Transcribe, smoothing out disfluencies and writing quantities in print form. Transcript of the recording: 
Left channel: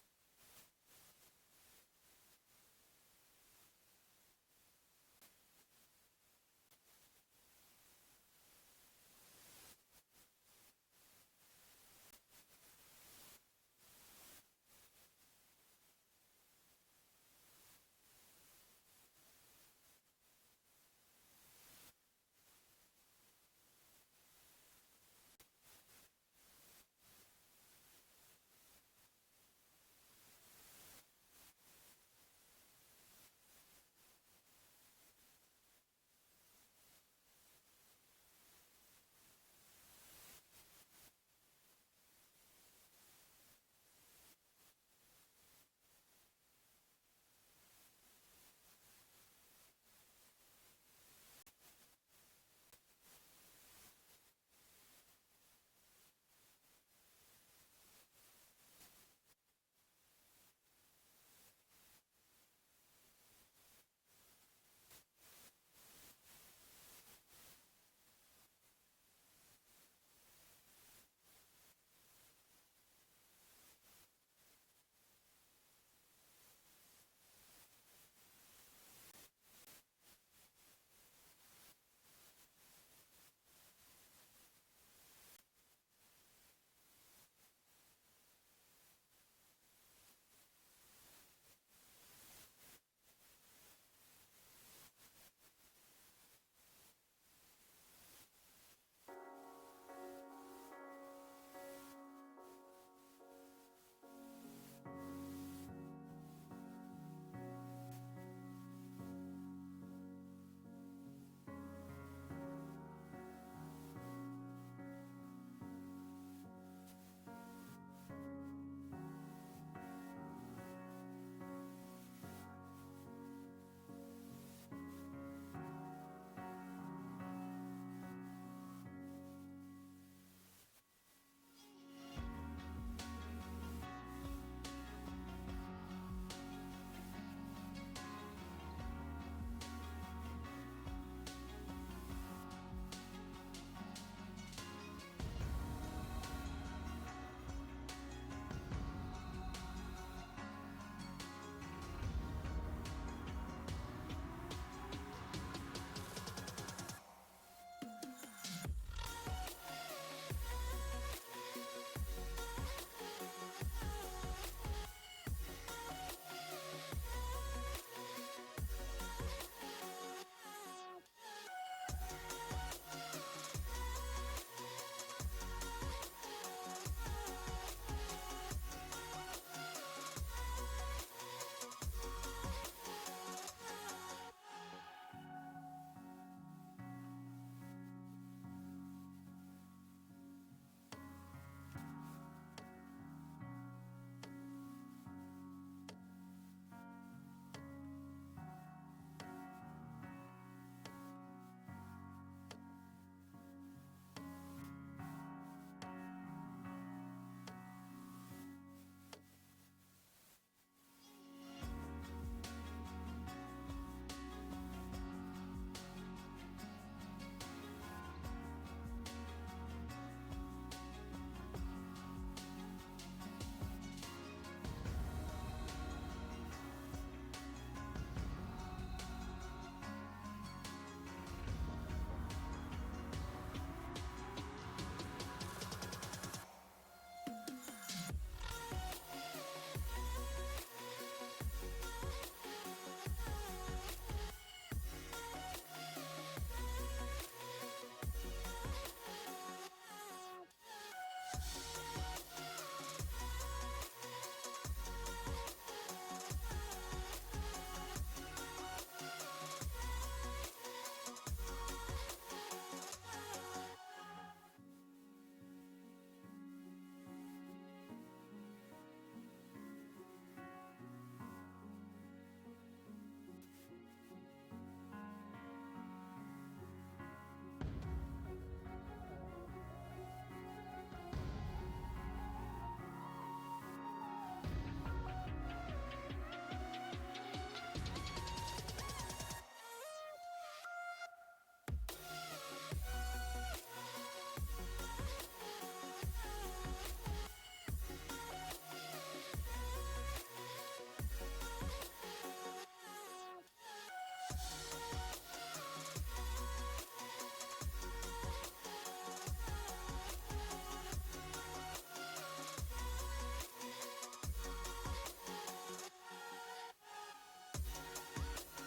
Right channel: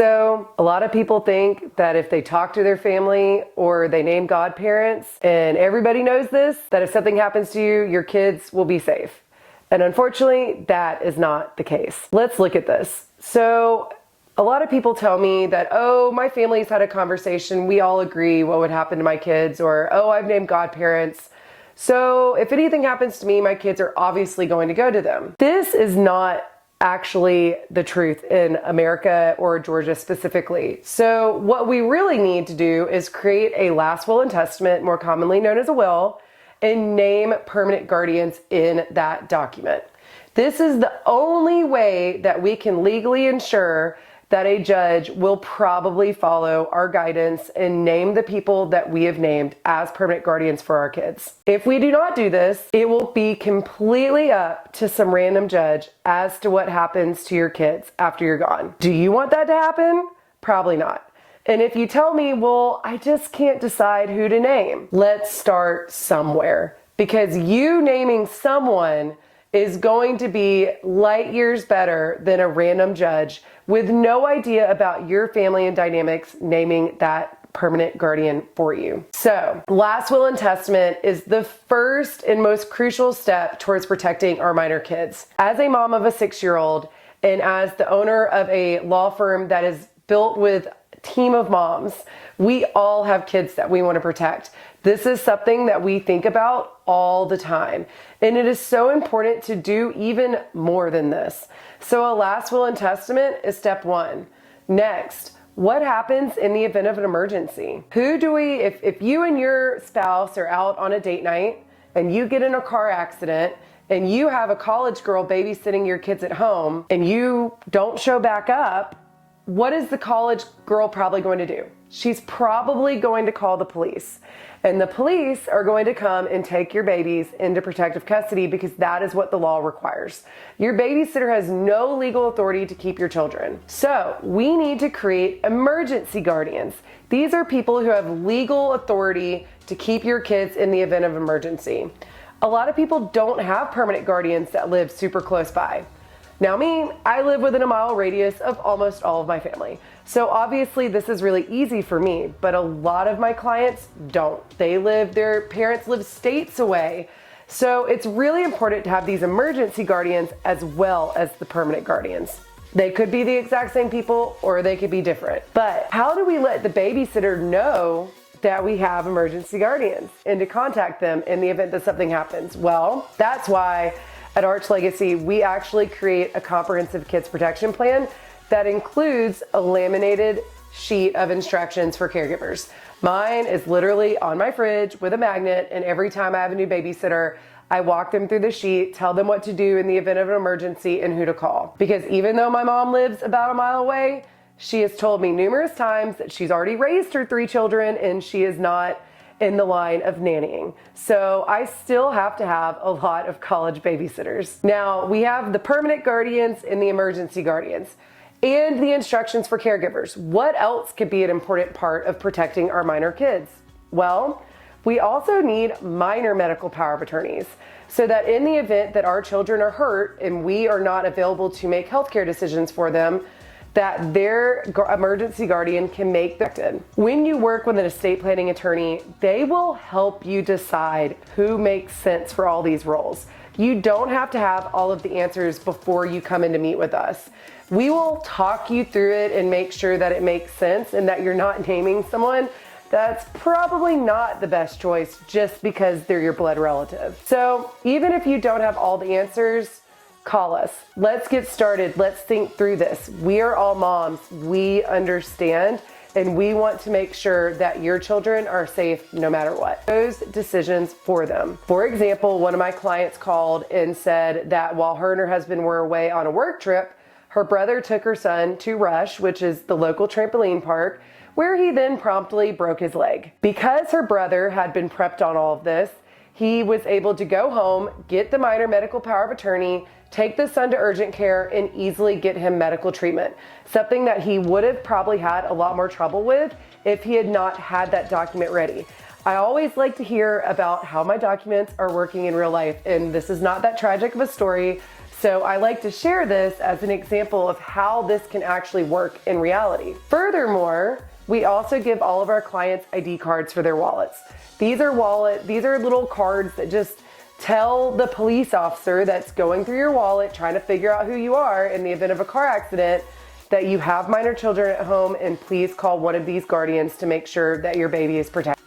So a lot of people think that if they talk to their family or they name godparents, and everybody knows this, that if something happens to you, your kids will be safe. And unfortunately, that is not the case. Let's look at this. So a lot of people tell me that, oh, my family's had a conversation, we all agree what would happen to my kids, or, oh, I've named godparents. So if anything happens to me, my kids are obviously going to go to them. This is not actually the truth in America or Georgia specifically. So what we really need to do is create a last will and testament, more commonly known as a will, and name permanent guardians in that document. This is the only way that we can legally ensure that a judge will probably follow our guidance and name the people that we have named as permanent guardians for our kids. If we do not do this, it will be completely up to some random judge as to what happens to your kids after you're gone. Do you want that to happen? Probably not. And if you tell me, well, I just can't decide who to name, let's start somewhere, because you naming someone is going to be light years better than a random judge with no idea about your family and dynamics naming that permanent guardian for you. So, last will and testament is the first and most crucial step towards protecting our minor kids. As a mom of a 6-year-old and as the owner of a law firm that is built with a team of moms, we all have kids that we want to protect. This is something that we think about all the time. And it is so important to do even more than this. So a last will and testament is step one. Next, what happens in the event of an emergency? If you and your spouse are out on a date night and you get in a car accident and you have a college girl babysitting your kids at home and you don't show back up, what is the college girl probably going to do? She's probably going to call the police. And the police are going to come and take your babies into protective custody because that is what the law requires. Your babysitter has no legal authority to keep your children. So we need to create emergency guardians. These are people who have legal authority to keep your kids in the event of emergency. A lot of people don't have permanent guardians that live super close by. Now me, I live within a mile radius of almost all of my family. So obviously this is really easy for me, but a lot of my clients don't. Their parents live states away. So it's really important to have these emergency guardians as well as the permanent guardians. They could be the exact same people or they could be different. But how do we let the babysitter know that we have emergency guardians and to contact them in the event that something happens? Well, that's why at Arch Legacy, we actually create a comprehensive kids protection plan that includes a laminated sheet of instructions for caregivers. Mine is literally on my fridge with a magnet, and every time I have a new babysitter, I walk them through the sheet, tell them what to do in the event of an emergency and who to call. Because even though my mom lives about a mile away, she has told me numerous times that she's already raised her 3 children and she is not in the line of nannying. So I still have to have a lot of college babysitters. Now we have the permanent guardians and the emergency guardians and the instructions for caregivers. What else could be an important part of protecting our minor kids? Well, we also need minor medical power of attorneys so that in the event that our children are hurt and we are not available to make healthcare decisions for them, that their emergency guardian can make them. When you work with an estate planning attorney, they will help you decide who makes sense for all these roles. You don't have to have all of the answers before you come in to meet with us. We will talk you through it and make sure that it makes sense and that you're not naming someone that's probably not the best choice just because they're your blood relative. So even if you don't have all the answers, call us. Let's get started. Let's think through this. We are all moms. We understand, and we want to make sure that your children are safe no matter what. Those decisions for them. For example, one of my clients called and said that while her and her husband were away on a work trip, her brother took her son to Rush, which is the local trampoline park, where he then promptly broke his leg. Because her brother had been prepped on all of this, he was able to go home, get the minor medical power of attorney, take the son to urgent care, and easily get him medical treatment. Something that he would have probably had a lot more trouble with if he had not had that document ready. I always like to hear about how my documents are working in real life, and this is not that tragic of a story. So I like to share this as an example of how this can actually work in reality. Furthermore, we also give all of our clients ID cards for their wallets. These are little cards that just tell the police officer that's going through your wallet, trying to figure out who you are in the event of a car accident, that you have minor children at home, and please call one of these guardians to make sure that your baby is protected.